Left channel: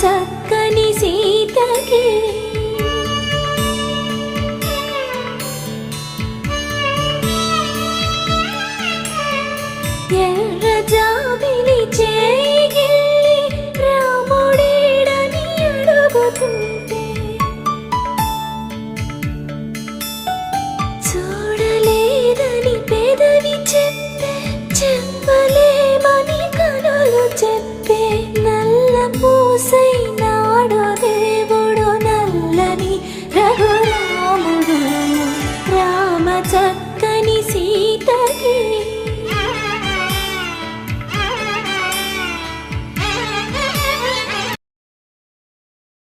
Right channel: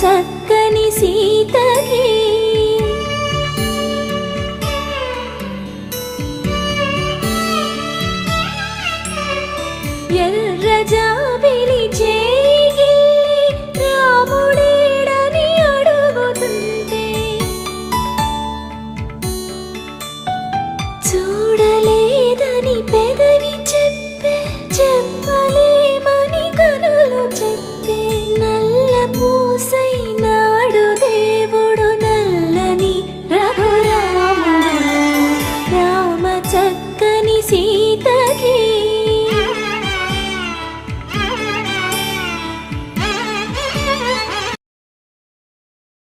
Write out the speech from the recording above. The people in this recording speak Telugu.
చక్కని సీతకి ఎర్ర జాబిలి చేయి రాముడేడని అడుగుతుంటే చూడలేదని పెదవి చెప్పే చెప్పలేమని కనులు చెప్పే నల్ల పూసై